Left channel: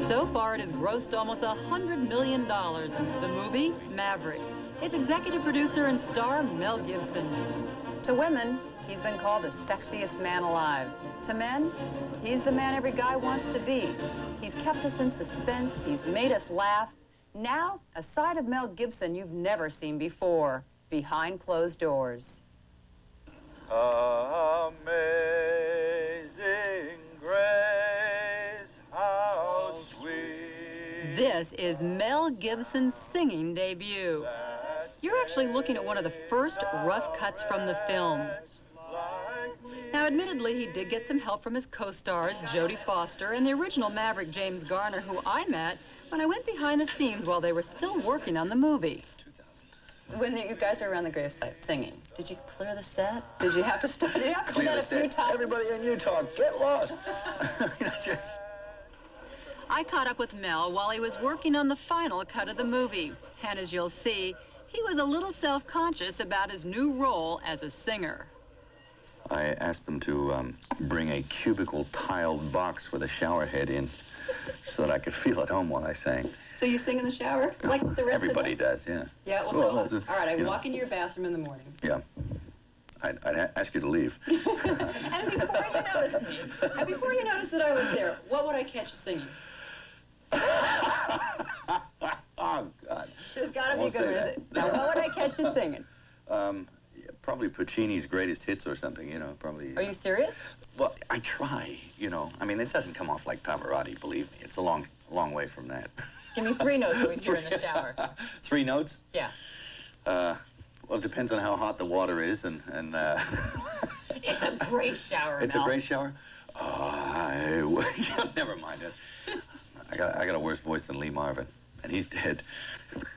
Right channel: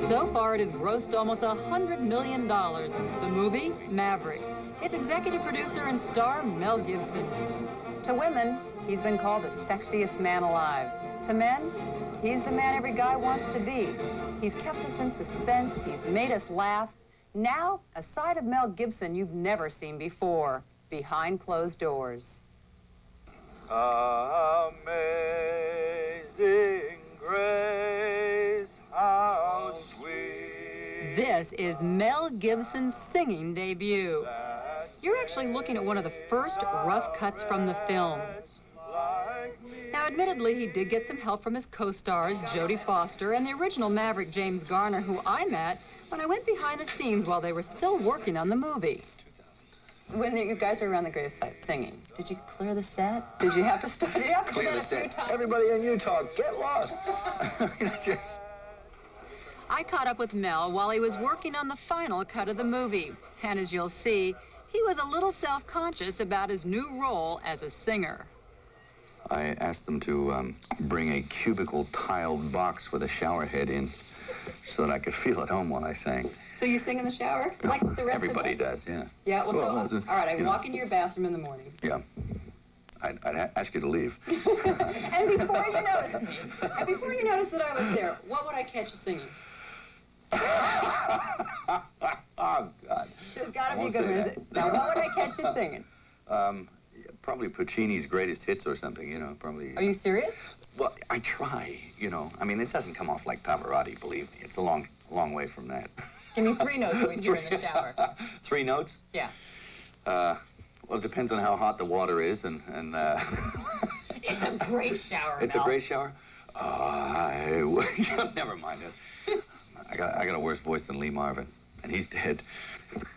So far, it has grossed almost $100 million. The movie, Maverick. Its executive producer and star, Mel Gibson. To women, he's been called the sexiest man alive. To men, he's the man every guy wants to be. He's kept us in suspense. He's made us laugh. Now, a side of Mel Gibson you've never seen before, behind closed doors. Amazing grace, how sweet. This is Mel Gibson's singing debut. You're actually looking at one of the first rough cuts from the film. Now, admittedly, he did get some help from his co-stars, Jodie Foster, and the original Maverick, James Garner, who I met when I went behind the scenes while they were still working on the movie. When you guys were around the gravesite singing, did you clear the set? Did you have to stop? Did you have to do that a few times? Everybody in Utah, get lost. I caught up with Mel while he was working on the final cut of the movie. And as you'll see, he was a little self-conscious about his new role as a singer. I asked them to bring a cubicle tiled box with a shower head in so that I could feel at home while I sang. So you sing in the shower? Like the rest Everybody of us? does, yeah. Yeah, well, so, all right, I walk into your bathroom in the morning. Yeah. I'd ask you to leave. And before you notice me, and before you notice that I was there, what would I catch you singing? Oh, God. There's got to be a good music. Now, what would I catch you singing? Probably Puccini's Greatest Hits or something, you know, probably. Are you serious? Well, I try, you know. I mean, it doesn't come off like Pavarotti, believe me. It's a long way from that. Give me 3 notes that we'd hear in the shower. 3 notes? Yeah. Well, it depends on how hot the water is and It's a great shower, It's Mel. a great shower? Never mind it. I got a worse voice than Lee Marvin, and he's dead.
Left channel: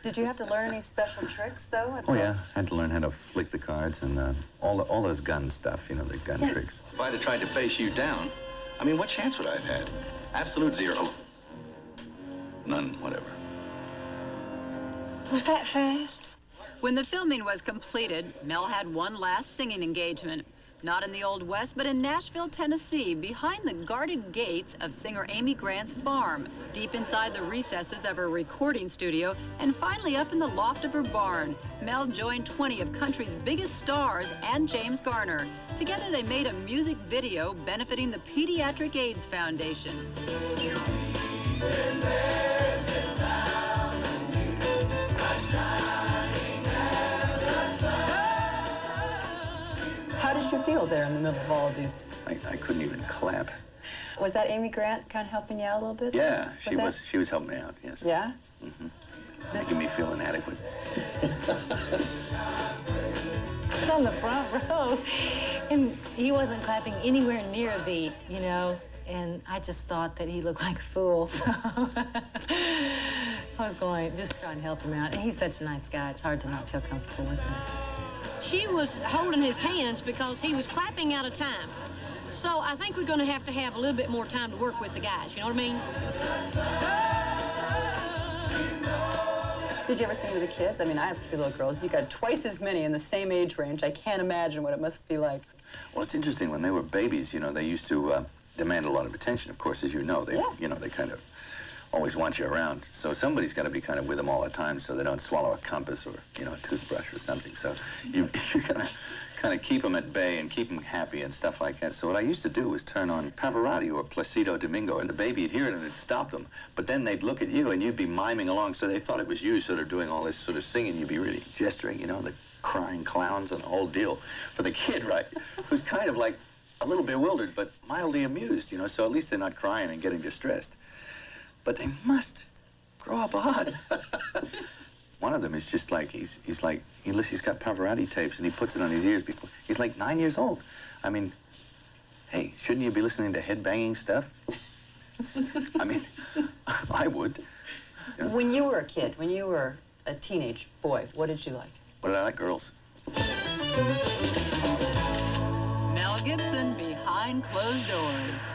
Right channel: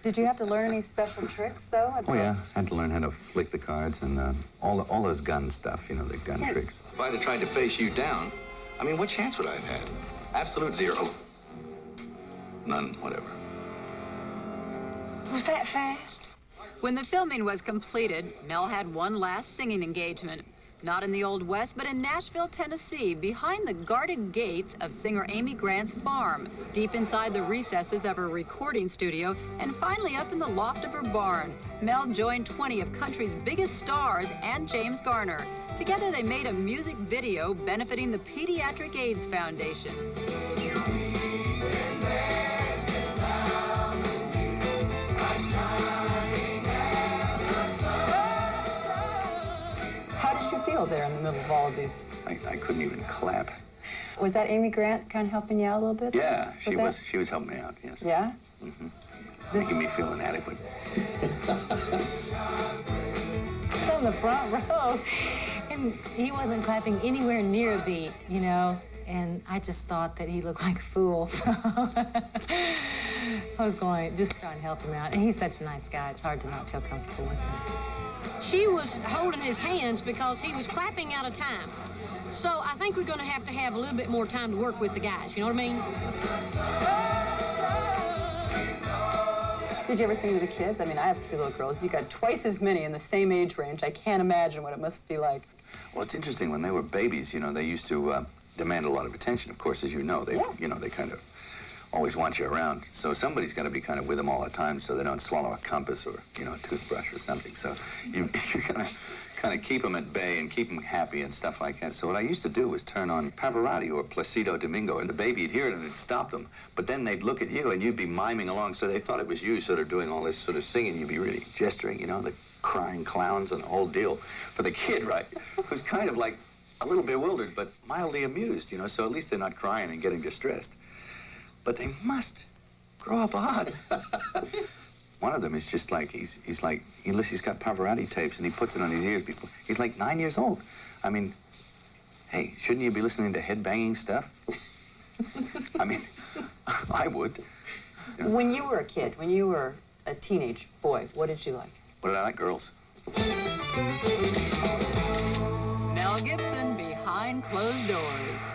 Did you have to learn any special tricks, though? Oh, yeah. I had to learn how to flick the cards and all those gun stuff, you know, the gun tricks. If I'd have tried to face you down, I mean, what chance would I have had? Absolute 0. None, whatever. Was that fast? When the filming was completed, Mel had one last singing engagement. Not in the Old West, but in Nashville, Tennessee, behind the guarded gates of singer Amy Grant's farm, deep inside the recesses of her recording studio, and finally up in the loft of her barn. Mel joined 20 of country's biggest stars and James Garner. Together, they made a music video benefiting the Pediatric AIDS Foundation. How did you feel there in the middle of all of these? I couldn't even clap. Was that Amy Grant kind of helping you out a little bit? Yeah, she was helping me out, yes. Yeah? Mm-hmm. Making me feel inadequate. It's on the front row, and he wasn't clapping anywhere near a beat, you know, and I just thought that he looked like a fool, so I was going, just trying to help him out. And he's such a nice guy, it's hard to not feel comfortable with him. She was holding his hands because he was clapping out of time. So I think we're going to have a little bit more time to work with the guys, you know what I mean? Did you ever sing to the kids? I mean, I have 3 little girls. You got twice as many in the same age range. I can't imagine what it must be like. Well, it's interesting. When they were babies, you know, they used to demand a lot of attention, of course, as you know. They, you know, they kind of always want you around. So somebody's got to be kind of with them all the time so they don't swallow a compass or, you know, a toothbrush or something. So you gotta kind of keep them at bay and keep them happy and stuff like that. So what I used to do was turn on Pavarotti or Placido Domingo, and the baby would hear it and it'd stop them. But then they'd look at you and you'd be miming along, so they thought it was you sort of doing all this sort of singing. You'd be really gesturing, you know, the crying clowns and the whole deal. For the kid, right, who's kind of like a little bewildered but mildly amused, you know, so at least they're not crying and getting distressed. But they must grow up odd. One of them is just like, he's got Pavarotti tapes and he puts it on his ears before. He's like 9 years old. I mean, hey, shouldn't you be listening to headbanging stuff? I mean, I would. You know? When you were a kid, when you were a teenage boy, what did you like? What did I like? Girls. Mel Gibson, Behind Closed Doors.